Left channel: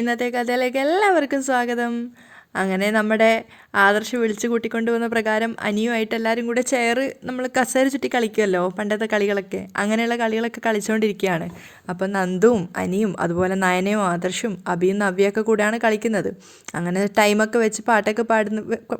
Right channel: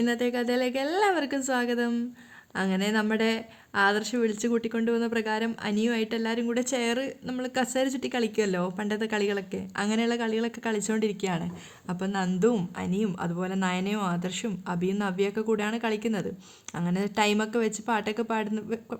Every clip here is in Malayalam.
ഇന്നത്തെ കഥയിലേക്ക് എല്ലാവർക്കും സ്വാഗതം. അങ്ങനെ നമ്മുടെ ആദർശ് വിളിച്ച് കൂട്ടിക്കൊണ്ടുവന്ന പ്രകാരം അനിയുമായിട്ട് എല്ലാവരും കൂടെ നമ്മൾ കസേര ചുറ്റി കളിക്കുമല്ലോ, പണ്ടത്തെ കളികളൊക്കെ. അങ്ങനെയുള്ള കളികളൊക്കെ കളിച്ചുകൊണ്ടിരിക്കുകയാണ്. അപ്പം നന്ദുവും അനിയും അതുപോലെ നയനയും ആദർശും അഭിയും നവ്യൊക്കെ കൂടെയാണ് കളിക്കുന്നത്. അങ്ങനെ ടൈമൊക്കെ വെച്ച് പാട്ടൊക്കെ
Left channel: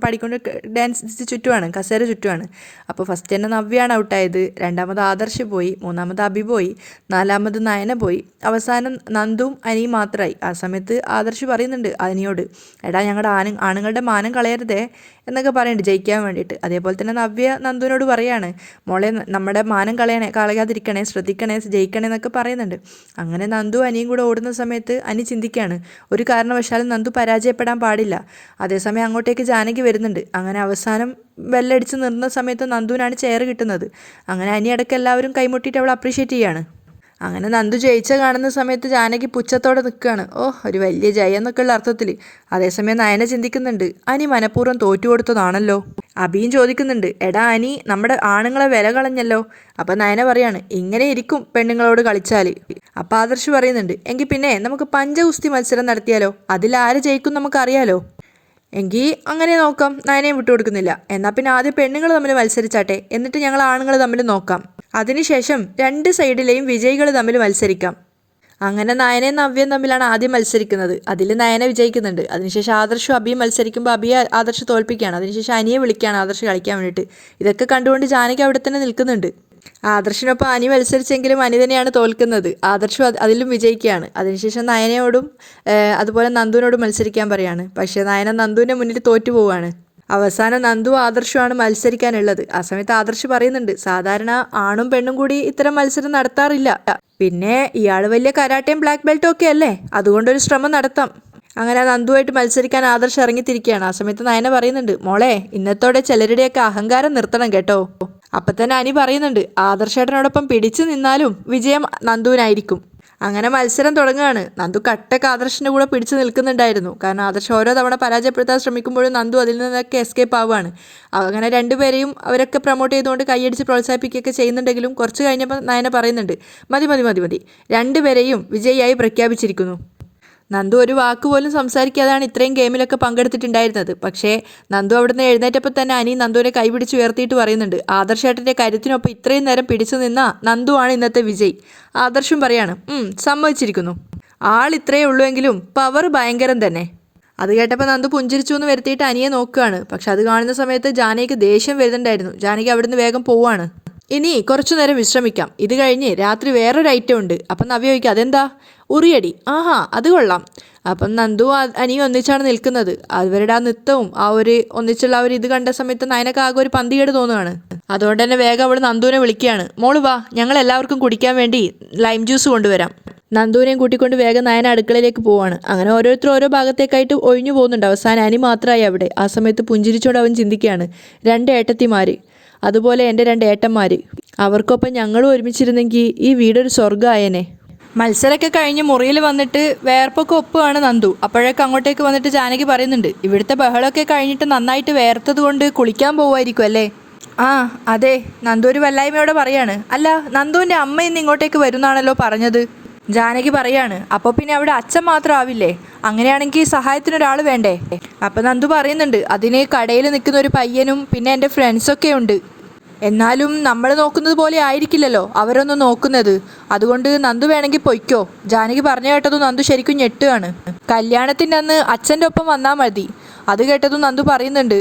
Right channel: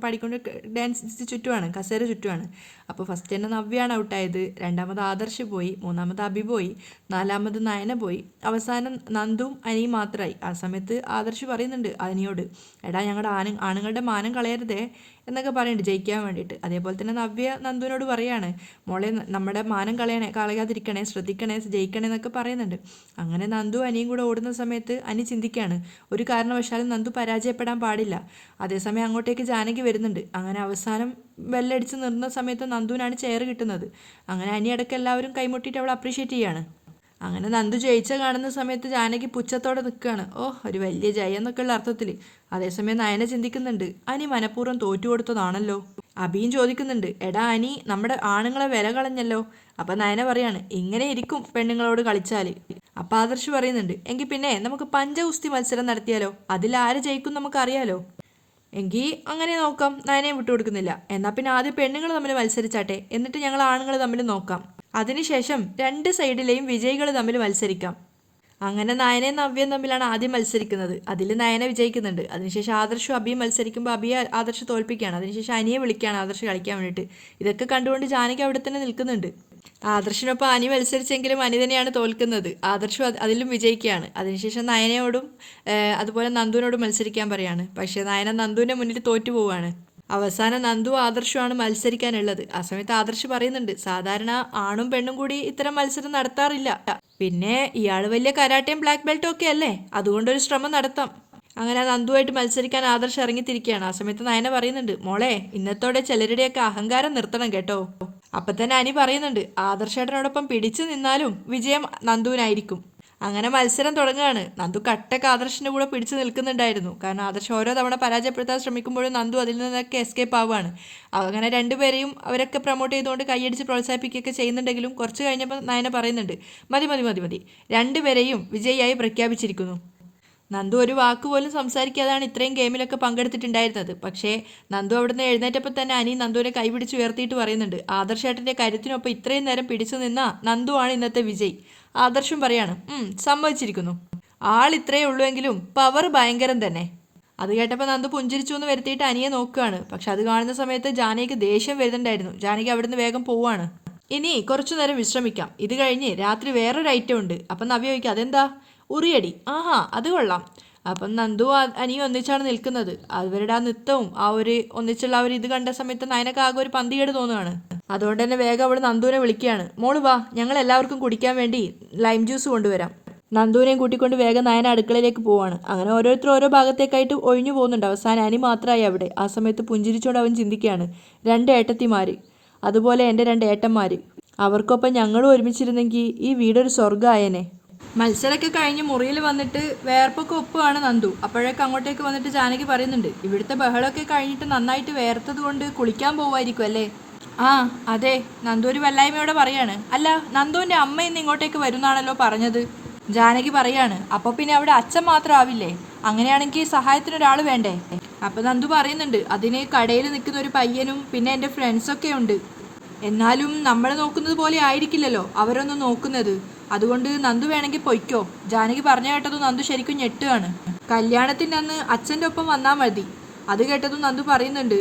പാടിക്കൊണ്ട് ഡാൻസ് ചുറ്റുവാണ്, കസേര ചുറ്റുവാണ്. അപ്പോൾ ഫസ്റ്റ് തന്നെ നവ്യാണ് ഔട്ടായത്, രണ്ടാമത് ആദർശ് പോയി, മൂന്നാമത് അഭി പോയി, നാലാമത് നയന പോയി, അവസാനം നന്ദുവും അനിയും മാത്രമായി. ആ സമയത്ത് ആദർശ് പറയുന്നുണ്ട് അനിയോട്, എടാ ഞങ്ങളുടെ ആണുങ്ങളുടെ മാനം കളയരുതേ എന്നൊക്കെ പറയുന്നുണ്ട് ജയിക്കാൻ വേണ്ടിയിട്ട്. അതേപോലെ തന്നെ നവ്യ നന്ദുവിനോട് പറയാണ്, മോളെ നമ്മുടെ മാനം കളയാതിരിക്കണേ, ശ്രദ്ധിക്കണേ, ജയിക്കണേ എന്നൊക്കെ പറയുന്നുണ്ട്. അങ്ങനെ നന്ദു അനിയും കൂടെ ഓടുന്ന സമയത്ത് അനി ചിന്തിക്കുകയാണ്, ഒരു കാരണവശാലും നന്ദു പരാജയപ്പെടാൻ പാടില്ല. അതേസമയം അങ്ങോട്ടേക്ക് ജാനകി വരുന്നുണ്ട്. അങ്ങനെ അവസാനം ബെല്ലടിച്ച് നിർന്ന സമയത്ത് നന്ദുവിനാണ് ചെയർ കിട്ടുന്നത്. അങ്ങനെ അനി അടക്കം എല്ലാവരും കൈമുട്ടിയിട്ട് അവൾ അപ്രീഷിയേറ്റ് ചെയ്യാണ്. അങ്ങനെ നന്ദു ജയിച്ച കാണുന്ന സമയത്ത് ജാനകി പുച്ഛത്തോടെ നിൽക്കുകയാണ്, ഒരു വലിയ ജയം എന്നൊക്കെയുള്ള അർത്ഥത്തിൽ. അതേസമയം നയന ചിന്തിക്കുന്നുണ്ട്, അനി മനഃപൂർവ്വം തോറ്റു കൊടുത്തതാണല്ലോ. അഭിയും ചോദിക്കുന്നുണ്ട്, എടാ അനി നമ്മുടെ ആണുങ്ങളെ വില കളഞ്ഞല്ലോ. അപ്പം നയന പറയാണ്, ഇങ്ങനെ ഇരിക്കും പെണ്ണുങ്ങളോട് കളിച്ചാൽ. അപ്പം ആദർശ് പറയുന്നുണ്ട്, എങ്കിൽ പിന്നെ നമുക്ക് പഞ്ചഗുസ്തി മത്സരം നടത്തിയാലോ, അതിൽ ആര് ജയിക്കും നമുക്കറിയാലോ. എങ്കിൽ അങ്ങനെ നോക്കാം. നയനയും വിട്ടുകൊടുക്കുന്നില്ല. എന്നാൽ പിന്നെ ആദ്യം പെണ്ണുങ്ങൾ തമ്മിൽ മത്സരിച്ചാട്ടെ, എന്നിട്ട് ഞങ്ങൾ ആണുങ്ങൾ തമ്മിൽ നോക്കാം. അതിനുശേഷം രണ്ട് സൈഡിലെയും വിജയികൾ തമ്മിൽ മത്സരിക്കാം. അങ്ങനെ നയനയും നവ്യയും തമ്മിലാണ് ആദ്യം മത്സരിക്കുന്നത്. അതിൽ നയന വിജയിക്കുന്നുണ്ട്. അതിനുശേഷം ആദർശും അഭിയും മത്സരിക്കുമ്പോൾ അഭിയെ ആദർശ് തോൽപ്പിക്കുകയാണ്. അതിനുശേഷം അനിയെ വിളിക്കുകയാണ് ആദർശ് കളിക്കാൻ വേണ്ടിയിട്ട്. ഇതൊക്കെ കണ്ടുകൊണ്ട് ജാനകി അവിടെ തന്നെ നിൽക്കുന്നുണ്ട്. ആദർശിനൊപ്പം അനി മത്സരിച്ചെങ്കിലും അനി തന്നെയാണ് തോൽക്കുന്നത്. ആദർശ് അതിലും വിജയിക്കുകയാണ്. അതിനുശേഷം നയനയോടും അതുപോലെ നന്ദുവിനോടും മത്സരിക്കാൻ പറയാണ്. പക്ഷേ നയന നന്ദുവിൻ്റെ മുന്നിൽ തോറ്റു പോവുകയാണ്. അവസാനം നന്ദു ആദർശുമാണ് മത്സരിക്കാനുള്ളത്. ആ സമയത്ത് ആദർശ് പറയുന്നുണ്ട്, സാധാരണ ആണും പെണ്ണും കൂടി ഇത്തരം മത്സരം നടത്താറില്ല. പിന്നെ ഇയാൾ വലിയ കരാട്ടയും ബ്ലാക്ക് ബെൽറ്റും ഒക്കെ അല്ലേ, അതുകൊണ്ടൊരു ശ്രമം നടത്താം. അങ്ങനെ നന്ദുവായിട്ട് മത്സരിക്കാൻ ആദർശ് ഇറങ്ങിത്തിരിക്കുകയാണ്. ആ സമയത്ത് നയന പറയുന്നുണ്ട്, മോളെ ഇന്നത്തോടെ ചിലരുടെയൊക്കെ അഹങ്കാരം നിർത്തണം കേട്ടോ. അപ്പം തന്നെ അനി പറയുന്നുണ്ട്, ആദർശേട്ടനോടൊപ്പം പിടിച്ചു നിന്നാലും വിജയം നന്ദുവിനായിരിക്കും. അങ്ങനെ മത്സരം തുടങ്ങുകയാണ്. നന്ദു കട്ടക്ക് ആദർശിൻ്റെ കൂടെ പിടിച്ചു നിൽക്കുന്നുണ്ടായിരുന്നു. കാരണം ആദർശ് ഓരോ തവണ പരാജയപ്പെടുത്താൻ ശ്രമിക്കുമ്പോഴും നന്ദു അതിൽ നിന്നൊക്കെ എസ്കേപ്പ് ആവുകയാണ്. അങ്ങനെ രണ്ടുപേരെയും അവരൊക്കെ പ്രൊമോട്ട് ചെയ്തുകൊണ്ട് കൈയടിച്ച് പ്രോത്സാഹിപ്പിക്കുകയൊക്കെ ചെയ്യുന്നുണ്ടെങ്കിലും കുറച്ച് കഴിഞ്ഞപ്പോൾ നയന പറയുന്നുണ്ട്, മതി മതി മതി മതി, രണ്ടുപേരെയും വിജയിയായി പ്രഖ്യാപിച്ചിരിക്കുന്നു. നന്ദു ഒരു വാക്ക് പോലും സംസാരിക്കാതാണ് ഇത്രയും ഗെയിമിലൊക്കെ പങ്കെടുത്തിട്ടുണ്ടായിരുന്നത്. പക്ഷേ നന്ദു അവിടുന്ന് എഴുന്നേറ്റപ്പോൾ തന്നെ അനി നന്ദുവിനെ കൈപിടിച്ച് ഉയർത്തിയിട്ട് പറയുന്നുണ്ട്, ആദർശേട്ടൻ്റെ കരുത്തിനൊപ്പം ഇത്രയും നേരം പിടിച്ചു നിന്ന നന്ദുവാണ് ഇന്നത്തെ വിജയ്. ആദർശും പറയാണ്, സമ്മതിച്ചിരിക്കുന്നു. ആൾ ഇത്രയേ ഉള്ളൂ എങ്കിലും പവർ ഭയങ്കരം തന്നെ. അത് കേട്ടപ്പോൾ നന്ദു പുഞ്ചിരിച്ചു എന്ന് വരുത്തിയിട്ട് അനിയെ നോക്കുകയാണ്. പക്ഷെ അത് കാണുന്ന സമയത്ത് ജാനകിക്ക് ദേഷ്യം വരുന്നുണ്ടായിരുന്നു. ജാനകി അവിടുന്ന് വേഗം പോവാണ്. ഇനി കുറച്ചു നേരം വിശ്രമിക്കാം, ഇത് കഴിഞ്ഞ് രാത്രി വേറൊരു ഐറ്റം ഉണ്ട്. അപ്പം നവ്യ ചോദിക്കുക, അതെന്താ? ഉറിയടി. ആഹാ, അത് കൊള്ളാം. അപ്പം നന്ദു അനിയും ഒന്നിച്ചാണ് നിൽക്കുന്നത്. അവരുടെ ആ നൃത്തവും ആ ഒരു ഒന്നിച്ചുള്ള ആ ഒരു ഇത് കണ്ട സമയത്ത് നയനക്ക് ആകെ ഒരു പന്തികേട് തോന്നുകയാണ്. അതുകൊണ്ട് തന്നെ വേഗം അവൾ നന്ദുവിനെ വിളിക്കുകയാണ്, മോള് വാ, ഞങ്ങൾ എല്ലാവർക്കും കുടിക്കാൻ വേണ്ടി ലൈം ജ്യൂസ് കൊണ്ടുവരാം. നന്ദുവിനെയും കൂട്ടിക്കൊണ്ട് വേഗം നയന അടുക്കളയിലേക്ക് പോവാണ്. അങ്ങനെ ഓരോരുത്തർ ഓരോ ഭാഗത്തേക്കായിട്ട് ഒഴിഞ്ഞു പോകുന്നുണ്ട്. അവസാനം അനി മാത്രമായി അവിടെ. ആ സമയത്ത് പുഞ്ചിരിച്ചോട് അവൻ ചിന്തിക്കുകയാണ്, രണ്ട് ഏട്ടത്തിമാർ, അതുപോലെ എൻ്റെ രണ്ട് ഏട്ടന്മാർ, അവർക്കൊപ്പം ഞങ്ങളും ഒരുമിച്ചിരുന്നെങ്കിൽ ഈ വീടൊരു സ്വർഗ്ഗമായേനെ. മത്സരമൊക്കെ കഴിഞ്ഞ് മുറിയിൽ വന്നിട്ട് വേർപ്പൊക്കെ ഒപ്പുകയാണ് നന്ദു. അപ്പോഴൊക്കെ അങ്ങോട്ടേക്ക് വന്നിട്ട് ജാനകി പറയുന്നുണ്ട്, ഇവിടുത്തെ ബഹളമൊക്കെ കഴിഞ്ഞിട്ട് നന്നായിട്ട് വേർത്തത് കൊണ്ട് കുളിക്കാൻ പോവുമായിരിക്കും അല്ലേ? ആ അതെ, നന്ദു ഒരു വല്ലായ്മയോടെ പറയാണ്. അല്ല, നന്ദുവിൻ്റെ അമ്മ ഇന്ന് ഇങ്ങോട്ടേക്ക് വരുന്നാണല്ലോ പറഞ്ഞത്. ജാനകി പറയാണ്, അപ്പോൾ പിന്നെ അവിടെ അച്ഛൻ മാത്രം ആവില്ലേ? അങ്ങനെയാണെങ്കിൽ സഹായത്തിനൊരാൾ വേണ്ടേ? അപ്പം നന്ദു പറയുന്നുണ്ട്, അതിന് കടയിൽ നിൽക്കുന്ന ഒരു പയ്യനും പിന്നെ എൻ്റെ ഫ്രണ്ട്സൊക്കെ ഉണ്ട്. എന്നാലും നമ്മൾ നോക്കുന്നത് പോലെ ആയിരിക്കില്ലല്ലോ അവരൊന്നും നോക്കുന്നത്. അതുകൊണ്ട് നന്ദു വേണമെങ്കിൽ പൊയ്ക്കോ. ജാനകി പറഞ്ഞു കേട്ടതും നന്ദു ശരിക്കും ഞെട്ടുകയാണ്. കല്യാണത്തിൻ്റെ അന്ന് അച്ഛൻ്റെ ഒപ്പം വന്നാൽ മതി. അത് കേട്ടതും നന്ദു പറയുന്നുണ്ട്,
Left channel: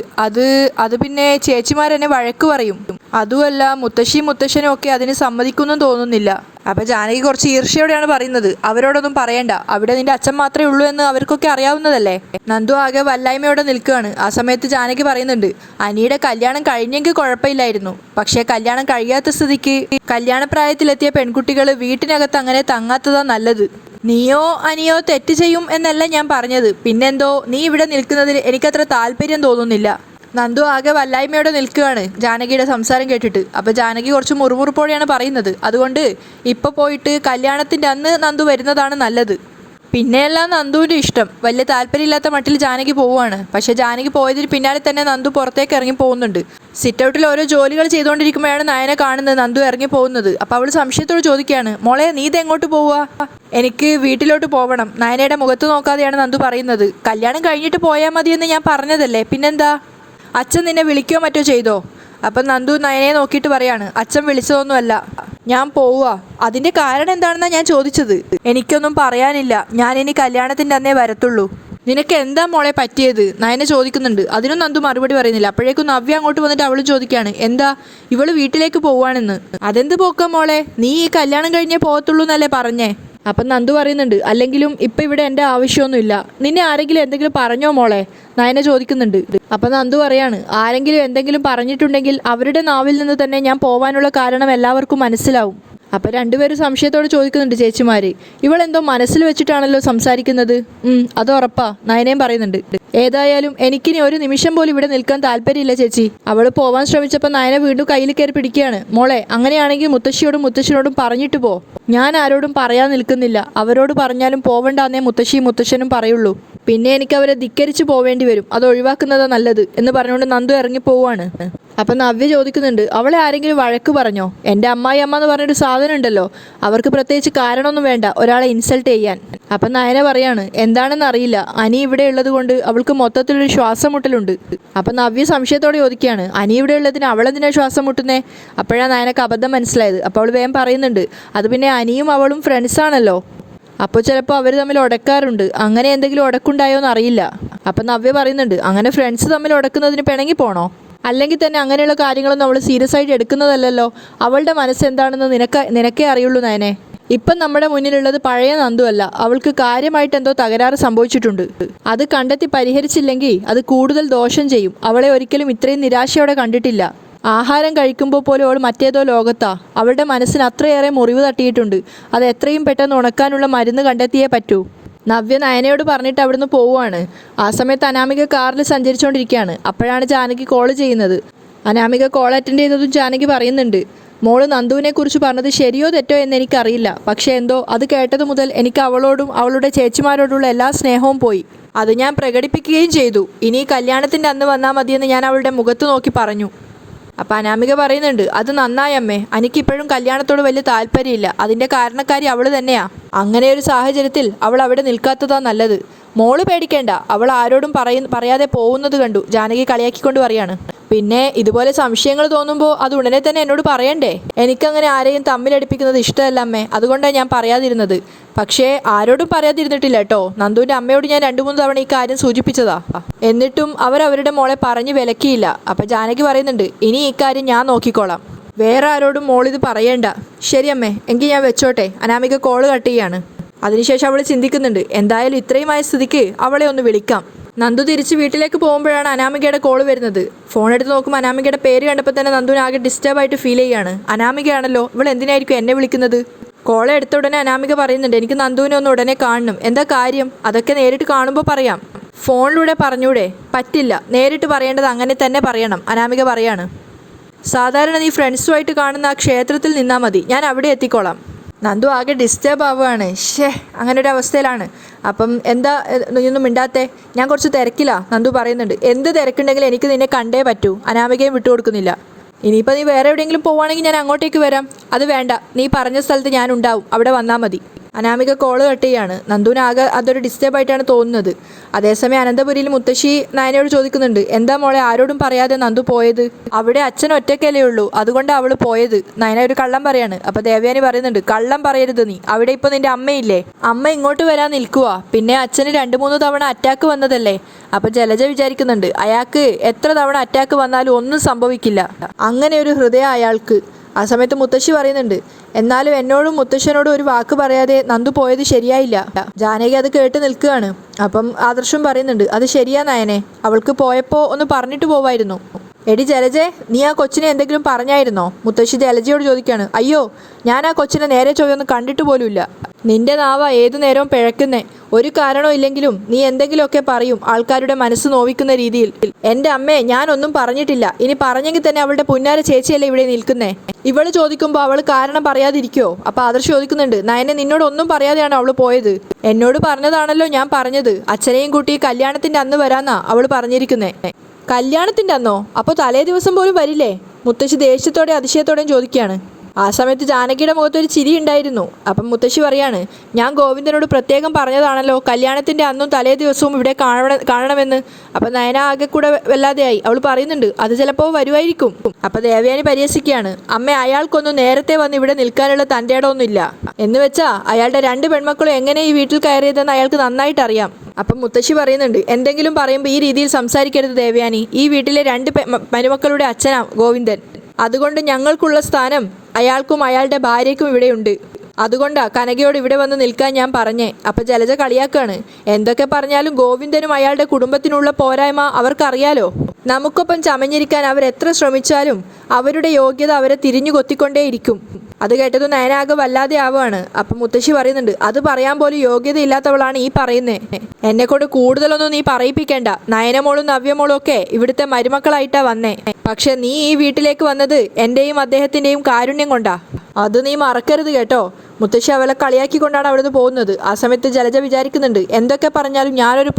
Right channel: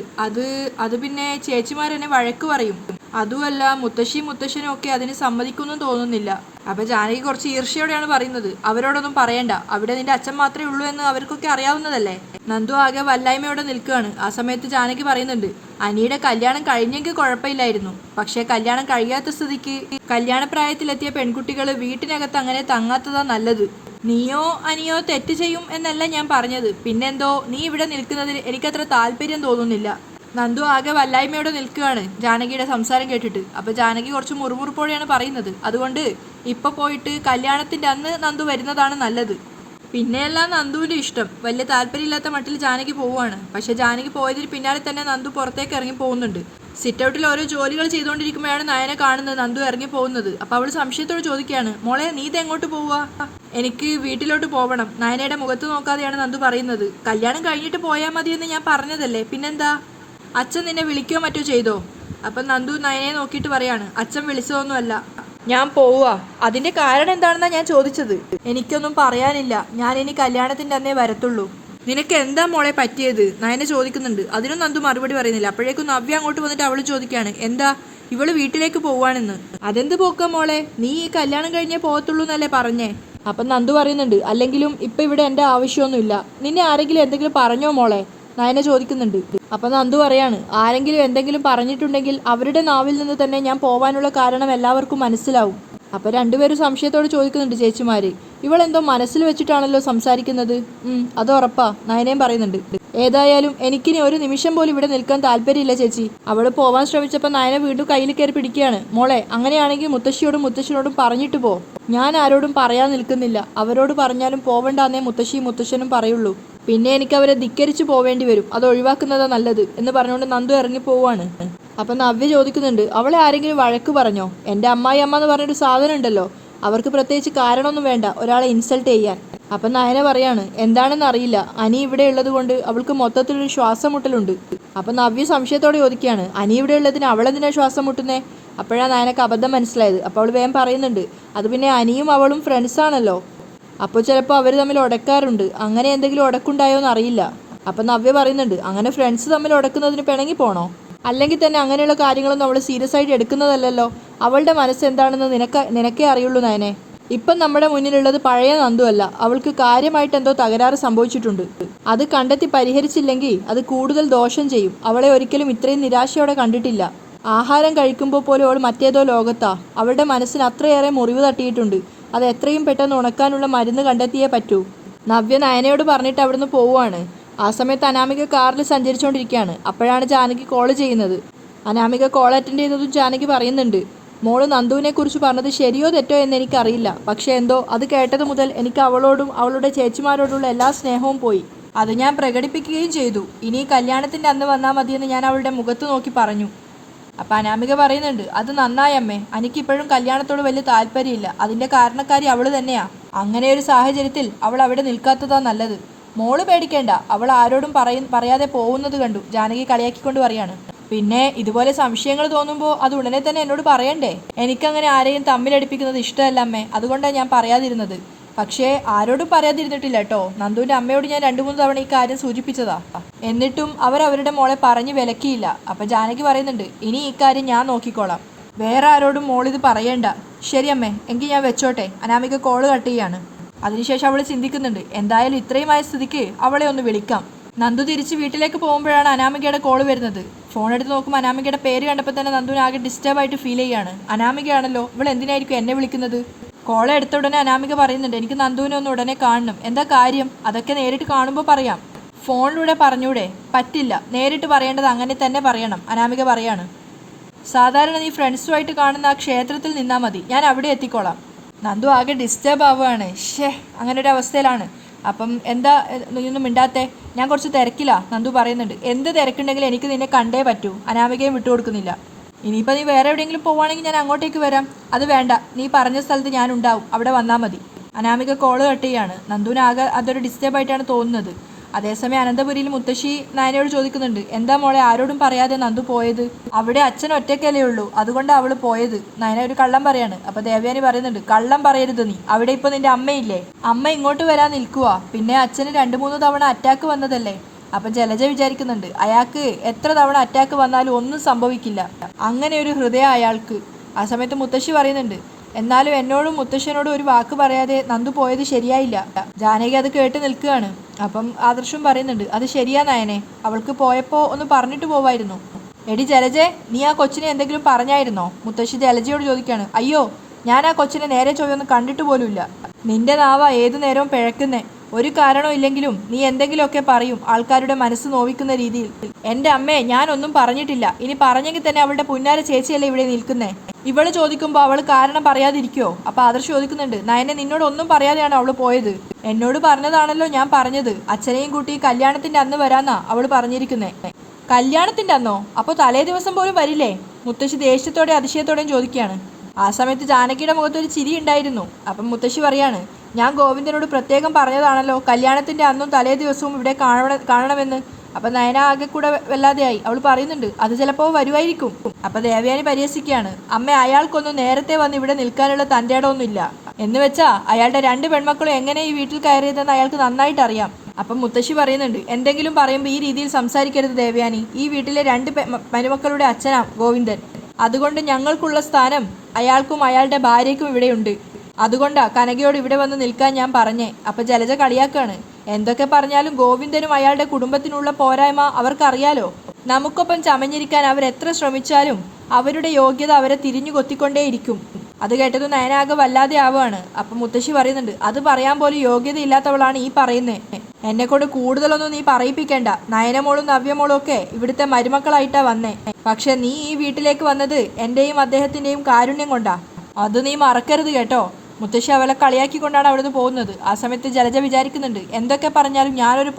അത് പിന്നെ ചേച്ചിമാരെന്നെ വഴക്ക് പറയും. അതുമല്ല മുത്തശ്ശിയും മുത്തശ്ശനും ഒക്കെ അതിന് സമ്മതിക്കുമെന്നും തോന്നുന്നില്ല. അപ്പം ജാനകി കുറച്ച് ഈർഷ്യയോടെയാണ് പറയുന്നത്, അവരോടൊന്നും പറയണ്ട, അവിടെ നിന്റെ അച്ഛൻ മാത്രമേ ഉള്ളൂ എന്ന് അവർക്കൊക്കെ അറിയാവുന്നതല്ലേ. നന്ദു ആകെ വല്ലായ്മയോടെ നിൽക്കുകയാണ്. ആ സമയത്ത് ജാനകി പറയുന്നുണ്ട്, അനിയുടെ കല്യാണം കഴിഞ്ഞെങ്കിൽ കുഴപ്പമില്ലായിരുന്നു. പക്ഷേ കല്യാണം കഴിയാത്ത സ്ഥിതിക്ക് കല്യാണപ്രായത്തിലെത്തിയ പെൺകുട്ടികൾ വീട്ടിനകത്ത് അങ്ങനെ തങ്ങാത്തതാ നല്ലത്. നീയോ അനിയോ തെറ്റ് ചെയ്യും എന്നല്ല ഞാൻ പറഞ്ഞത്. പിന്നെന്തോ നീ ഇവിടെ നിൽക്കുന്നതിൽ എനിക്കത്ര താല്പര്യം തോന്നുന്നില്ല. നന്ദു ആകെ വല്ലായ്മയോടെ നിൽക്കുകയാണ് ജാനകിയുടെ സംസാരം കേട്ടിട്ട്. അപ്പോൾ ജാനകി കുറച്ച് മുറുമുറുപ്പോടെയാണ് പറയുന്നത്, അതുകൊണ്ട് ഇപ്പോൾ പോയിട്ട് കല്യാണത്തിൻ്റെ അന്ന് നന്ദു വരുന്നതാണ് നല്ലത്. പിന്നെയെല്ലാം നന്ദുവിൻ്റെ ഇഷ്ടം. വലിയ താല്പര്യമില്ലാത്ത മട്ടിൽ ജാനകി പോവുകയാണ്. പക്ഷേ ജാനകി പോയതിന് പിന്നാലെ തന്നെ നന്ദു പുറത്തേക്ക് ഇറങ്ങി പോകുന്നുണ്ട്. സിറ്റ് ഔട്ടിൽ ഓരോ ജോലികൾ ചെയ്തുകൊണ്ടിരിക്കുമ്പോഴാണ് നയനെ കാണുന്നത് നന്ദു ഇറങ്ങി പോകുന്നത്. അപ്പോൾ അവൾ സംശയത്തോട് ചോദിക്കുകയാണ്, മോളെ നീ ഇത് എങ്ങോട്ട് പോവുക? എനിക്ക് വീട്ടിലോട്ട് പോകണം. നയനയുടെ മുഖത്ത് നോക്കാതെയാണ് നന്ദു പറയുന്നത്. കല്യാണം കഴിഞ്ഞിട്ട് പോയാൽ മതിയെന്ന് ഞാൻ പറഞ്ഞതല്ലേ, പിന്നെന്താ? അച്ഛൻ നിന്നെ വിളിക്കുകയോ മറ്റോ ചെയ്തോ? അപ്പം നന്ദു നയനെ നോക്കിയിട്ട് പറയാണ്, അച്ഛൻ വിളിച്ചതൊന്നുമല്ല, ഞാൻ പോവുക. അതിൻ്റെ കാരണം എന്താണെന്നാണ് ഞാൻ ചോദിച്ചത്. എനിക്കൊന്നും പറയാനില്ല, ഞാൻ ഇനി കല്യാണത്തിൻ്റെ അന്നേ വരത്തുള്ളൂ. നിനക്ക് എന്താ മോളെ പറ്റിയത്? നയനെ ചോദിക്കുന്നുണ്ട്. അതിനും നന്ദു മറുപടി പറയുന്നില്ല. അപ്പോഴേക്കും നവ്യ അങ്ങോട്ട് വന്നിട്ട് അവൾ ചോദിക്കുകയാണ്, എന്താ ഇവള് വീട്ടിലേക്ക് പോവാണെന്ന്. അതെന്ത് പോക്ക മോളെ, നീ ഈ കല്യാണം കഴിഞ്ഞേ പോകത്തുള്ളൂ എന്നല്ലേ പറഞ്ഞേ? അപ്പം നന്ദു പറയുന്നുണ്ട്, അല്ലെങ്കിലും ഇപ്പം ഇവിടെ എൻ്റെ ആവശ്യമൊന്നുമില്ല. നിന്നെ ആരെങ്കിലും എന്തെങ്കിലും പറഞ്ഞോ മോളെ? നയനെ ചോദിക്കുന്നുണ്ട്. അപ്പം നന്ദു പറയാണ്, ആരെങ്കിലും എന്തെങ്കിലും പറഞ്ഞിട്ടുണ്ടെങ്കിൽ അവരുടെ നാവിൽ നിന്ന് തന്നെ ഞാൻ പോവാനുള്ള കാരണം എല്ലാവർക്കും മനസ്സിലാവും. അപ്പം രണ്ടുപേരും സംശയത്തോട് ചോദിക്കുന്നുണ്ട് ചേച്ചിമാർ, ഇവളെന്തോ മനസ്സിൽ വെച്ചിട്ടാണല്ലോ സംസാരിക്കുന്നത്. അത് ഉറപ്പാ, നയനയും പറയുന്നുണ്ട്. ഏതായാലും എനിക്കിനി ഒരു നിമിഷം പോലും ഇവിടെ നിൽക്കാൻ താല്പര്യമില്ല ചേച്ചി. അവൾ പോവാൻ ശ്രമിച്ചപ്പോൾ നയനെ വീണ്ടും കയ്യിൽ കയറി പിടിക്കുകയാണ്. മോളെ, അങ്ങനെയാണെങ്കിൽ മുത്തശ്ശിയോടും മുത്തശ്ശനോടും പറഞ്ഞിട്ട് പോ. ഞാൻ ആരോടും പറയാൻ നിൽക്കുന്നില്ല. അവരോട് പറഞ്ഞാലും പോവണ്ടെന്നേ മുത്തശ്ശിയും മുത്തശ്ശനും പറയുള്ളൂ. പിന്നെ എനിക്ക് അവരെ ധിക്കരിച്ച് പോവേണ്ടി വരും. അത് ഒഴിവാക്കുന്നതാ നല്ലത് എന്ന് പറഞ്ഞുകൊണ്ട് നന്ദു ഇറങ്ങി പോവാണ്. അപ്പം നവ്യ ചോദിക്കുന്നുണ്ട്, അവളെ ആരെങ്കിലും വഴക്ക് പറഞ്ഞോ? എൻ്റെ അമ്മായി അമ്മ എന്ന് പറഞ്ഞൊരു സാധനം ഉണ്ടല്ലോ, അവർക്ക് പ്രത്യേകിച്ച് കാരണമൊന്നും വേണ്ട ഒരാളെ ഇൻസൾട്ട് ചെയ്യാൻ. അപ്പം നയന പറയാണ്, എന്താണെന്ന് അറിയില്ല, അനി ഇവിടെ ഉള്ളത് കൊണ്ട് അവൾക്ക് മൊത്തത്തിലൊരു ശ്വാസം മുട്ടലുണ്ട്. അപ്പം നവ്യ സംശയത്തോടെ ചോദിക്കുകയാണ്, അനി ഇവിടെ ഉള്ളതിന് അവളെന്തിനാ ശ്വാസം മുട്ടുന്നേ? അപ്പോഴാണ് നയനക്ക് അബദ്ധം മനസ്സിലായത്. അപ്പോൾ അവൾ വേഗം പറയുന്നുണ്ട്, അത് പിന്നെ അനിയും അവളും ഫ്രണ്ട്സാണല്ലോ, അപ്പോൾ ചിലപ്പോൾ അവർ തമ്മിൽ ഉടക്കാറുണ്ട്. അങ്ങനെ എന്തെങ്കിലും ഉടക്കുണ്ടായോ എന്ന് അറിയില്ല. അപ്പം നവ്യ പറയുന്നുണ്ട്, അങ്ങനെ ഫ്രണ്ട്സ് തമ്മിൽ ഉടക്കുന്നതിന് പിണങ്ങി പോണോ? അല്ലെങ്കിൽ തന്നെ അങ്ങനെയുള്ള കാര്യങ്ങളൊന്നും അവൾ സീരിയസ് ആയിട്ട് എടുക്കുന്നതല്ലല്ലോ. അവളുടെ മനസ്സെന്താണെന്ന് നിനക്കേ അറിയുള്ളൂ നയനെ. ഇപ്പം നമ്മുടെ മുന്നിലുള്ളത് പഴയ നന്ദു അല്ല. അവൾക്ക് കാര്യമായിട്ട് എന്തോ തകരാറ് സംഭവിച്ചിട്ടുണ്ട്. അത് കണ്ടെത്തി പരിഹരിച്ചില്ലെങ്കിൽ അത് കൂടുതൽ ദോഷം ചെയ്യും. അവളെ ഒരിക്കലും ഇത്രയും നിരാശയോടെ കണ്ടിട്ടില്ല. ആഹാരം കഴിക്കുമ്പോൾ പോലും അവൾ മറ്റേതോ ലോകത്താ. അവളുടെ മനസ്സിന് അത്രയേറെ മുറിവ് തട്ടിയിട്ടുണ്ട്. അത് എത്രയും പെട്ടെന്ന് ഉണക്കാനുള്ള മരുന്ന് കണ്ടെത്തിയേ പറ്റൂ. നവ്യ നയനയോട് പറഞ്ഞിട്ട് അവിടുന്ന് പോവുകയാണ്. ആ സമയത്ത് അനാമിക കാറിൽ സഞ്ചരിച്ചുകൊണ്ടിരിക്കുകയാണ്. അപ്പോഴാണ് ജാനകി കോൾ ചെയ്യുന്നത്. അനാമിക കോൾ അറ്റൻഡ് ചെയ്തതും ജാനകി പറയുന്നുണ്ട്, മോള് നന്ദുവിനെ കുറിച്ച് പറഞ്ഞത് ശരിയോ തെറ്റോ എന്ന് എനിക്കറിയില്ല. പക്ഷേ എന്തോ അത് കേട്ടത് മുതൽ എനിക്ക് അവളോടും അവളുടെ ചേച്ചിമാരോടുള്ള എല്ലാ സ്നേഹവും പോയി. അത് ഞാൻ പ്രകടിപ്പിക്കുകയും ചെയ്തു. ഇനി കല്യാണത്തിൻ്റെ അന്ന് വന്നാൽ മതിയെന്ന് ഞാൻ അവളുടെ മുഖത്ത് നോക്കി പറഞ്ഞു. അപ്പം അനാമിക പറയുന്നുണ്ട്, അത് നന്നായി അമ്മേ, എനിക്കിപ്പോഴും കല്യാണത്തോട് വലിയ താല്പര്യമില്ല. അതിൻ്റെ കാരണക്കാരി അവൾ തന്നെയാ. അങ്ങനെ ഒരു സാഹചര്യത്തിൽ അവൾ അവിടെ നിൽക്കാത്തതാ നല്ലത്. മോള് പേടിക്കേണ്ട, അവൾ ആരോടും പറയാതെ പോകുന്നത് കണ്ടു. ജാനകി കളിയാക്കിക്കൊണ്ട് പറയാണ്. പിന്നെ ഇതുപോലെ സംശയങ്ങൾ തോന്നുമ്പോൾ അത് ഉടനെ തന്നെ എന്നോട് പറയണ്ടേ? എനിക്കങ്ങനെ ആരെയും തമ്മിലടിപ്പിക്കുന്നത് ഇഷ്ടമല്ല അമ്മേ, അതുകൊണ്ടാണ് ഞാൻ പറയാതിരുന്നത്. പക്ഷേ ആരോടും പറയാതിരുന്നിട്ടില്ല കേട്ടോ. നന്ദുവിൻ്റെ അമ്മയോട് ഞാൻ 2-3 തവണ ഈ കാര്യം സൂചിപ്പിച്ചതാ. എന്നിട്ടും അവരവരുടെ മോളെ പറഞ്ഞു വിലക്കിയില്ല. അപ്പം ജാനകി പറയുന്നുണ്ട്, ഇനി ഈ കാര്യം ഞാൻ നോക്കിക്കോളാം, വേറെ ആരോടും മോളിത് പറയണ്ട. ശരി അമ്മേ, എങ്കിൽ ഞാൻ വെച്ചോട്ടെ. അനാമിക കോള് കട്ട് ചെയ്യാണ്. അതിനുശേഷം അവൾ ചിന്തിക്കുന്നുണ്ട്, എന്തായാലും ഇത്രയുമായ സ്ഥിതിക്ക് അവളെ ഒന്ന് വിളിക്കാം. നന്ദു തിരിച്ച് വീട്ടിലേക്ക് പോകുമ്പോഴാണ് അനാമികയുടെ കോള് വരുന്നത്. ഫോൺ എടുത്ത് നോക്കുമ്പോൾ അനാമികയുടെ പേര് കണ്ടപ്പോൾ തന്നെ നന്ദുവിന് ആകെ ഡിസ്റ്റർബായിട്ട് ഫീൽ ചെയ്യാണ്. അനാമികയാണല്ലോ, ഇവൾ എന്തിനായിരിക്കും എന്നെ വിളിക്കുന്നത്? കോള് എടുത്ത ഉടനെ അനാമിക പറയുന്നുണ്ട്, എനിക്ക് നന്ദുവിനെ ഒന്ന് ഉടനെ കാണണം. എന്താ കാര്യം? അതൊക്കെ നേരിട്ട് കാണുമ്പോൾ പറയാം. ഫോണിലൂടെ പറഞ്ഞൂടെ? പറ്റില്ല, നേരിട്ട് പറയേണ്ടത് അങ്ങനെ തന്നെ പറയണം. അനാമിക പറയാണ്, സാധാരണ നീ ഫ്രണ്ട്സുമായിട്ട് കാണുന്ന ആ ക്ഷേത്രത്തിൽ നിന്നാൽ മതി, ഞാൻ അവിടെ എത്തിക്കോളാം. നന്ദു ആകെ ഡിസ്റ്റർബ് ആവുകയാണ്. അങ്ങനെ ഒരു അവസ്ഥയിലാണ്. അപ്പം എന്താ നീയൊന്നും മിണ്ടാത്തെ? ഞാൻ കുറച്ച് തിരക്കിലാ. നന്ദു പറയുന്നുണ്ട്, എന്ത് തിരക്കുണ്ടെങ്കിലും എനിക്ക് നിന്നെ കണ്ടേ പറ്റൂ. അനാമികയും വിട്ടുകൊടുക്കുന്നില്ല. ഇനിയിപ്പോൾ നീ വേറെ എവിടെയെങ്കിലും പോവുകയാണെങ്കിൽ ഞാൻ അങ്ങോട്ടേക്ക് വരാം. അത് വേണ്ട, നീ പറഞ്ഞ സ്ഥലത്ത് ഞാൻ ഉണ്ടാവും, അവിടെ വന്നാൽ മതി. അനാമിക കോള് കട്ട് ചെയ്യാണ്. നന്ദുവിനാകെ അതൊരു ഡിസ്റ്റർബായിട്ടാണ് തോന്നുന്നത്. അതേസമയം അനന്തപുരിയിൽ മുത്തശ്ശി നയനയോട് ചോദിക്കുന്നുണ്ട്, എന്താ മോളെ ആരോടും പറയാതെ നന്ദു പോയത്? അവിടെ അച്ഛൻ ഒറ്റയ്ക്കല്ലേ ഉള്ളൂ, അതുകൊണ്ടാണ് അവൾ പോയത്. നയന ഒരു കള്ളം പറയാണ്. അപ്പോൾ ദേവയാനി പറയുന്നുണ്ട്, കള്ളം പറയരുത് നീ. അവിടെ ഇപ്പോൾ നിന്റെ അമ്മയില്ലേ? അമ്മ ഇങ്ങോട്ട് വരാൻ നിൽക്കുക. പിന്നെ അച്ഛന് 2-3 തവണ അറ്റാക്ക് വന്നതല്ലേ. അപ്പം ജലജ വിചാരിക്കുന്നുണ്ട്, അയാൾക്ക് എത്ര തവണ അറ്റാക്ക് വന്നാലും ഒന്നും സംഭവിക്കില്ല, അങ്ങനെ ഒരു ഹൃദയം അയാൾക്ക്. ആ സമയത്ത് മുത്തശ്ശി പറയുന്നുണ്ട്, എന്നാലും എന്നോടും മുത്തശ്ശനോടും ഒരു വാക്ക് പറയാതെ നന്ദു പോയത് ശരിയായില്ല. ജാനകി അത് കേട്ട് നിൽക്കുകയാണ്. അപ്പം ആദർശം പറയുന്നുണ്ട്, അത് ശരിയാ നയനെ, അവൾക്ക് പോയപ്പോൾ ഒന്ന് പറഞ്ഞിട്ട് പോവായിരുന്നു. എടി ജലജെ, നീ ആ കൊച്ചിനെ എന്തെങ്കിലും പറഞ്ഞായിരുന്നോ? മുത്തശ്ശി ജലജയോട് ചോദിക്കുകയാണ്. അയ്യോ, ഞാൻ ആ കൊച്ചിനെ നേരെ ചൊവ്വൊന്നും കണ്ടിട്ട് പോലുമില്ല. നിന്റെ നാവ ഏതു നേരവും പിഴക്കുന്നേ. ഒരു കാരണവും ഇല്ലെങ്കിലും നീ എന്തെങ്കിലുമൊക്കെ പറയും, ആൾക്കാരുടെ മനസ്സ് നോവിക്കുന്ന രീതിയിൽ. എൻ്റെ അമ്മേ, ഞാനൊന്നും പറഞ്ഞിട്ടില്ല. ഇനി പറഞ്ഞെങ്കിൽ തന്നെ അവളുടെ പുന്നാര ചേച്ചിയല്ലേ ഇവിടെ നിൽക്കുന്നേ. ഇവള് ചോദിക്കുമ്പോൾ അവൾ കാരണം പറയാതിരിക്കോ? അപ്പോൾ ആദർശ് ചോദിക്കുന്നുണ്ട്, നയനെ നിന്നോട് ഒന്നും പറയാതെയാണ് അവൾ പോയത്. എന്നോട് പറഞ്ഞതാണല്ലോ ഞാൻ പറഞ്ഞത്. അച്ഛനെയും കൂട്ടി കല്യാണത്തിൻ്റെ അന്ന് വരാന്നാ അവൾ പറഞ്ഞിരിക്കുന്നേ. കല്യാണത്തിൻ്റെ അന്നോ? അപ്പോൾ തലേ ദിവസം പോലും വരില്ലേ? മുത്തശ്ശി ദേഷ്യത്തോടെ അതിശയത്തോടെയും ചോദിക്കുകയാണ്. ആ സമയത്ത് ജാനകിയുടെ മുഖത്തൊരു ചിരി ഉണ്ടായിരുന്നു. അപ്പം മുത്തശ്ശി പറയാണ്, ഞാൻ ഗോവിന്ദനോട് പ്രത്യേകം പറഞ്ഞതാണല്ലോ കല്യാണത്തിൻ്റെ അന്നും തലേ ദിവസവും ഇവിടെ കാണണമെന്ന്. അപ്പം നയന ആകെ കൂടെ വല്ലാതെയായി. അവൾ പറയുന്നുണ്ട്, അത് ചിലപ്പോൾ വരുമായിരിക്കും. അപ്പം ദേവയാനി പരിഹസിക്കുകയാണ്, അമ്മ അയാൾക്കൊന്നും നേരത്തെ വന്ന് ഇവിടെ നിൽക്കാനുള്ള തൻ്റെ ഇടമൊന്നുമില്ല എന്ന് വെച്ചാൽ അയാളുടെ 2 പെൺമക്കളും എങ്ങനെ ഈ വീട്ടിൽ കയറിയതെന്ന് അയാൾക്ക് നന്നായിട്ട് അറിയാം. അപ്പം മുത്തശ്ശി പറയുന്നുണ്ട്, എന്തെങ്കിലും പറയുമ്പോൾ ഈ രീതിയിൽ സംസാരിക്കരുത് ദേവയാനി. ഈ വീട്ടിലെ 2 മരുമക്കളുടെ അച്ഛനാ ഗോവിന്ദൻ. അതുകൊണ്ട് ഞങ്ങൾക്കുള്ള സ്ഥാനം അയാൾക്കും അയാളുടെ ഭാര്യയ്ക്കും ഇവിടെയുണ്ട്. അതുകൊണ്ടാ കനകയോട് ഇവിടെ വന്ന് നിൽക്കാൻ ഞാൻ പറഞ്ഞേ. അപ്പം ജലജ കളിയാക്കാണ്, എന്തൊക്കെ പറഞ്ഞാലും ഗോവിന്ദനും അയാളുടെ കുടുംബത്തിനുള്ള പോരായ്മ അവർക്കറിയാലോ. നമുക്കൊപ്പം ചമഞ്ഞിരിക്കാൻ അവരെത്ര ശ്രമിച്ചാലും അവരുടെ യോഗ്യത അവരെ തിരിഞ്ഞു കൊത്തിക്കൊണ്ടേയിരിക്കും. അത് കേട്ടത് നയനാകെ വല്ലാതെ ആവുകയാണ്. അപ്പം മുത്തശ്ശി പറയുന്നുണ്ട്, അത് പറയാൻ പോലും യോഗ്യത ഇല്ലാത്തവളാണ് ഈ പറയുന്നത്. എന്നെക്കൊണ്ട് കൂടുതലൊന്നും നീ പറയിപ്പിക്കേണ്ട. നയനമോളും നവ്യമോളും ഒക്കെ ഇവിടുത്തെ മരുമക്കളായിട്ടാ വന്നേ. പക്ഷെ നീ ഈ വീട്ടിലേക്ക് വന്നത് എൻ്റെയും അദ്ദേഹത്തിൻ്റെയും കാരുണ്യം കൊണ്ടാ. അത് നീ മറക്കരുത് കേട്ടോ. മുത്തശ്ശി അവളെ കളിയാക്കിക്കൊണ്ടാണ് അവിടുന്ന് പോകുന്നത്. ആ സമയത്ത് ജലജ വിചാരിക്കുന്നുണ്ട്, എന്തൊക്കെ പറഞ്ഞാലും ഞാനൊരു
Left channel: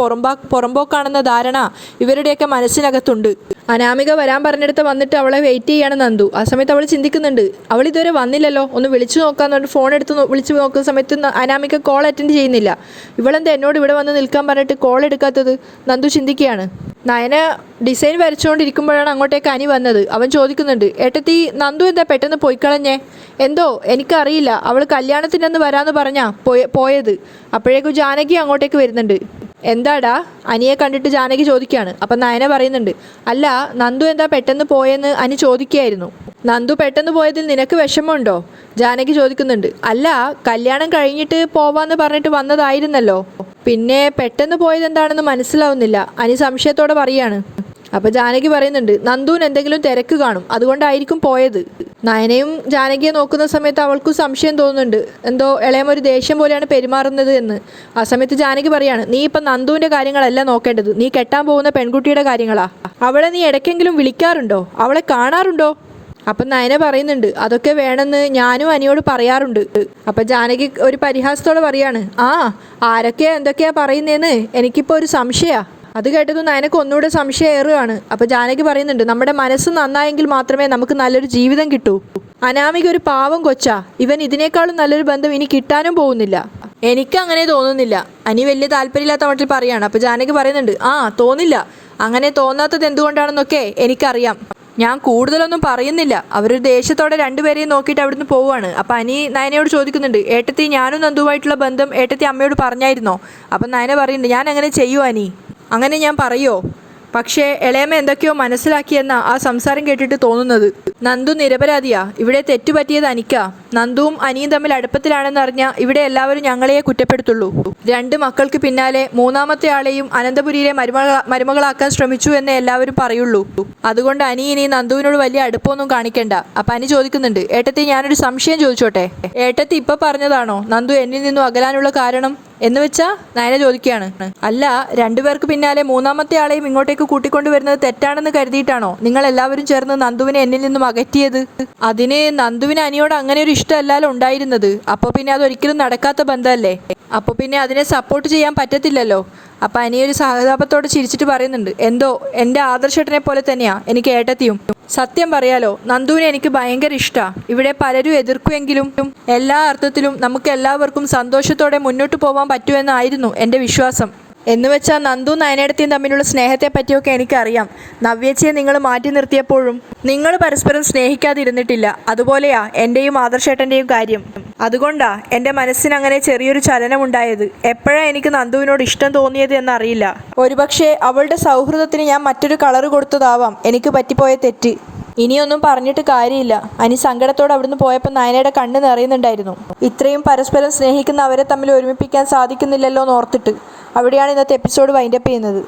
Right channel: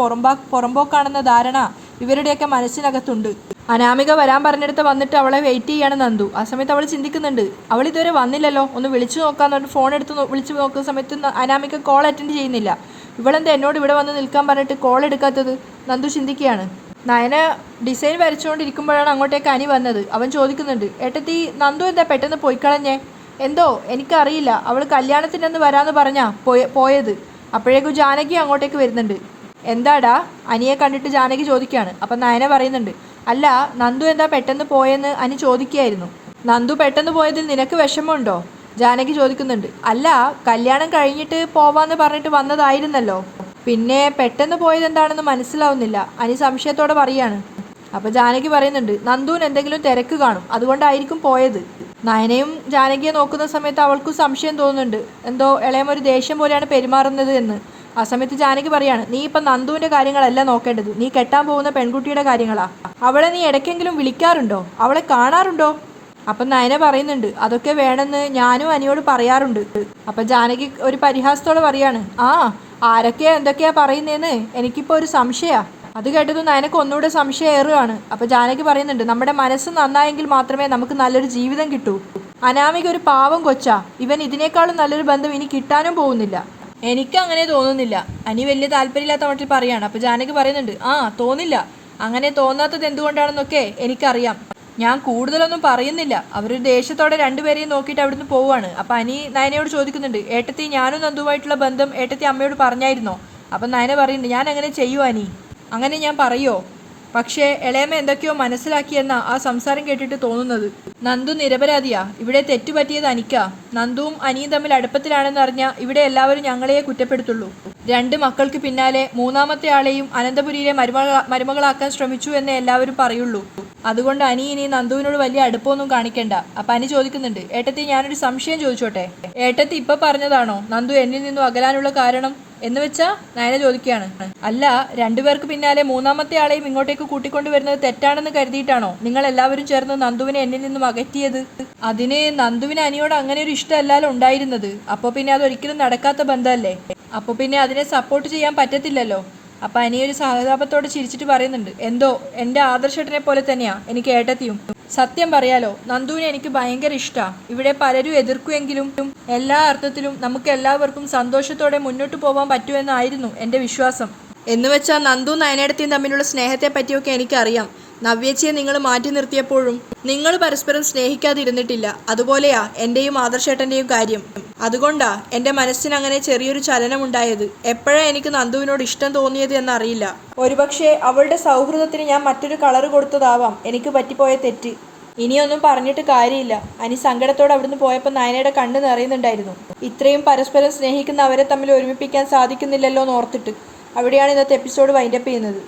പുറമ്പോക്കാണെന്ന ധാരണ ഇവരുടെയൊക്കെ മനസ്സിനകത്തുണ്ട്. അനാമിക വരാൻ പറഞ്ഞെടുത്ത് വന്നിട്ട് അവളെ വെയിറ്റ് ചെയ്യാണ് നന്ദു. ആ സമയത്ത് അവൾ ചിന്തിക്കുന്നുണ്ട്, അവൾ ഇതുവരെ വന്നില്ലല്ലോ, ഒന്ന് വിളിച്ചു നോക്കാന്ന് പറഞ്ഞിട്ട് ഫോൺ എടുത്ത് വിളിച്ചു നോക്കുന്ന സമയത്ത് അനാമിക കോൾ അറ്റൻഡ് ചെയ്യുന്നില്ല. ഇവളെന്താ എന്നോട് ഇവിടെ വന്ന് നിൽക്കാൻ പറഞ്ഞിട്ട് കോൾ എടുക്കാത്തത്? നന്ദു ചിന്തിക്കുകയാണ്. നയന ഡിസൈൻ വരച്ചുകൊണ്ടിരിക്കുമ്പോഴാണ് അങ്ങോട്ടേക്ക് അനി വന്നത്. അവൻ ചോദിക്കുന്നുണ്ട്, ഏട്ടത്തി നന്ദു എന്താ പെട്ടെന്ന് പോയിക്കളഞ്ഞേ? എന്തോ എനിക്കറിയില്ല, അവൾ കല്യാണത്തിനൊന്ന് വരാമെന്ന് പറഞ്ഞാ പോയത്. അപ്പോഴേക്കും ജാനകി അങ്ങോട്ടേക്ക് വരുന്നുണ്ട്. എന്താടാ? അനിയെ കണ്ടിട്ട് ജാനകി ചോദിക്കുകയാണ്. അപ്പം നയന പറയുന്നുണ്ട്, അല്ല നന്ദു എന്താ പെട്ടെന്ന് പോയെന്ന് അനി ചോദിക്കുകയായിരുന്നു. നന്ദു പെട്ടെന്ന് പോയതിൽ നിനക്ക് വിഷമമുണ്ടോ? ജാനകി ചോദിക്കുന്നുണ്ട്. അല്ല, കല്യാണം കഴിഞ്ഞിട്ട് പോവാന്ന് പറഞ്ഞിട്ട് വന്നതായിരുന്നല്ലോ, പിന്നെ പെട്ടെന്ന് പോയത് എന്താണെന്ന് മനസ്സിലാവുന്നില്ല, അനി സംശയത്തോടെ പറയാണ്. അപ്പോൾ ജാനകി പറയുന്നുണ്ട്, നന്ദുവിന് എന്തെങ്കിലും തിരക്ക് കാണും, അതുകൊണ്ടായിരിക്കും പോയത്. നയനയും ജാനകിയെ നോക്കുന്ന സമയത്ത് അവൾക്കും സംശയം തോന്നുന്നുണ്ട്, എന്തോ ഇളയമൊരു ദേഷ്യം പോലെയാണ് പെരുമാറുന്നത് എന്ന്. ആ സമയത്ത് ജാനകി പറയാണ്, നീ ഇപ്പം നന്ദുവിൻ്റെ കാര്യങ്ങളല്ല നോക്കേണ്ടത്, നീ കെട്ടാൻ പോകുന്ന പെൺകുട്ടിയുടെ കാര്യങ്ങളാ. അവളെ നീ ഇടയ്ക്കെങ്കിലും വിളിക്കാറുണ്ടോ? അവളെ കാണാറുണ്ടോ? അപ്പം നയന പറയുന്നുണ്ട്, അതൊക്കെ വേണമെന്ന് ഞാനും അനിയോട് പറയാറുണ്ട്. അപ്പം ജാനകി ഒരു പരിഹാസത്തോടെ പറയാണ്, ആരൊക്കെയാ എന്തൊക്കെയാ പറയുന്നതെന്ന് എനിക്കിപ്പോൾ ഒരു സംശയമാണ്. അത് കേട്ടത് നയനക്ക് ഒന്നുകൂടെ സംശയം ഏറുകയാണ്. അപ്പോൾ ജാനകി പറയുന്നുണ്ട്, നമ്മുടെ മനസ്സ് നന്നായെങ്കിൽ മാത്രമേ നമുക്ക് നല്ലൊരു ജീവിതം കിട്ടൂ. അനാമിക ഒരു പാവം കൊച്ചാ, ഇവൻ ഇതിനേക്കാളും നല്ലൊരു ബന്ധം ഇനി കിട്ടാനും പോകുന്നില്ല. എനിക്ക് അങ്ങനെ തോന്നുന്നില്ല. അനി വലിയ താല്പര്യമില്ലാത്ത മട്ടിൽ പറയാണ്. അപ്പോൾ ജാനകി പറയുന്നുണ്ട്, തോന്നില്ല. അങ്ങനെ തോന്നാത്തത് എന്തുകൊണ്ടാണെന്നൊക്കെ എനിക്കറിയാം. ഞാൻ കൂടുതലൊന്നും പറയുന്നില്ല. അവരൊരു ദേഷ്യത്തോടെ 2 പേരെയും നോക്കിയിട്ട് അവിടുന്ന് പോവുകയാണ്. അപ്പം അനി നയനയോട് ചോദിക്കുന്നുണ്ട്, ഏട്ടത്തി ഞാനും നന്ദുവായിട്ടുള്ള ബന്ധം ഏട്ടത്തി അമ്മയോട് പറഞ്ഞായിരുന്നോ? അപ്പം നയന പറയുന്നുണ്ട്, ഞാൻ അങ്ങനെ ചെയ്യുമോ അനി? അങ്ങനെ ഞാൻ പറയുമോ? പക്ഷേ ഇളയമ്മ എന്തൊക്കെയോ മനസ്സിലാക്കിയെന്ന ആ സംസാരം കേട്ടിട്ട് തോന്നുന്നത്. നന്ദു നിരപരാധിയാ, ഇവിടെ തെറ്റുപറ്റിയത് അനിക്കാ. നന്ദുവും അനിയും തമ്മിൽ അടുപ്പത്തിലാണെന്നറിഞ്ഞാൽ ഇവിടെ എല്ലാവരും ഞങ്ങളെയേ കുറ്റപ്പെടുത്തുള്ളൂ. 2 മക്കൾക്ക് പിന്നാലെ 3ാമത്തെ ആളെയും അനന്തപുരിയിലെ മരുമകളാക്കാൻ ശ്രമിച്ചു എന്ന് എല്ലാവരും പറയുള്ളൂ. അതുകൊണ്ട് അനി ഇനി നന്ദുവിനോട് വലിയ അടുപ്പമൊന്നും കാണിക്കണ്ട. അപ്പം അനി ചോദിക്കുന്നുണ്ട്, ഏട്ടത്തി ഞാനൊരു സംശയം ചോദിച്ചോട്ടെ? ഏട്ടത്തി ഇപ്പോൾ പറഞ്ഞതാണോ നന്ദു എന്നിൽ നിന്നും അകലാനുള്ള കാരണം എന്ന് വെച്ചാ? നയന ചോദിക്കുകയാണ്. അല്ല, 2 പേർക്ക് പിന്നാലെ 3ാമത്തെ ആളെയും ഇങ്ങോട്ടേക്ക് കൂട്ടിക്കൊണ്ടുവരുന്നത് തെറ്റാണെന്ന് കരുതിയിട്ടാണോ നിങ്ങൾ എല്ലാവരും ചേർന്ന് നന്ദുവിനെ എന്നിൽ നിന്നും അകറ്റിയത്? അതിന് നന്ദുവിന് അനിയോട് അങ്ങനെ ഒരു ഇഷ്ടമല്ലല്ലോ ഉണ്ടായിരുന്നത്. അപ്പോൾ പിന്നെ അതൊരിക്കലും നടക്കാത്ത ബന്ധമല്ലേ? അപ്പോൾ പിന്നെ അതിനെ സപ്പോർട്ട് ചെയ്യാൻ പറ്റത്തില്ലല്ലോ. അപ്പം അനിയൊരു സഹതാപത്തോട് ചിരിച്ചിട്ട് പറയുന്നുണ്ട്, എന്തോ എൻ്റെ ആദർശേട്ടനെ പോലെ തന്നെയാ എനിക്ക് ഏട്ടത്തിയും. സത്യം പറയാലോ, നന്ദുവിനെ എനിക്ക് ഭയങ്കര ഇഷ്ടമാണ്. ഇവിടെ പലരും എതിർക്കുമെങ്കിലും എല്ലാ അർത്ഥത്തിലും നമുക്ക് എല്ലാവർക്കും സന്തോഷത്തോടെ മുന്നോട്ട് പോകാൻ പറ്റുമെന്നായിരുന്നു എൻ്റെ വിശ്വാസം. എന്ന് വെച്ചാൽ നന്ദു നയനേടത്തിയും തമ്മിലുള്ള സ്നേഹത്തെ പറ്റിയൊക്കെ എനിക്കറിയാം. നവ്യച്ചയെ നിങ്ങൾ മാറ്റി നിർത്തിയപ്പോഴും നിങ്ങൾ പരസ്പരം സ്നേഹിക്കാതിരുന്നിട്ടില്ല. അതുപോലെയാ എൻ്റെയും ആദർശേട്ടൻ്റെയും കാര്യം. അതുകൊണ്ടാ എൻ്റെ മനസ്സിനങ്ങനെ ചെറിയൊരു ചലനമുണ്ടായത്. എപ്പോഴാണ് എനിക്ക് നന്ദുവിനോട് ഇഷ്ടം തോന്നിയത് എന്നറിയില്ല. ഒരുപക്ഷെ അവളുടെ സൗഹൃദത്തിന് ഞാൻ മറ്റൊരു കളറ് കൊടുത്തതാവാം എനിക്ക് പറ്റിപ്പോയ തെറ്റ്. ഇനിയൊന്നും പറഞ്ഞിട്ട് കാര്യമില്ല. അനി സങ്കടത്തോടെ അവിടുന്ന് പോയപ്പോൾ നയനയുടെ കണ്ണ് നിറയുന്നുണ്ടായിരുന്നു. ഇത്രയും പരസ്പരം സ്നേഹിക്കുന്ന അവരെ തമ്മിൽ ഒരുമിപ്പിക്കാൻ സാധിക്കുന്നില്ലല്ലോ എന്നോർത്തിട്ട്. അവിടെയാണ് ഇന്നത്തെ എപ്പിസോഡ് വൈൻഡപ്പ് ചെയ്യുന്നത്.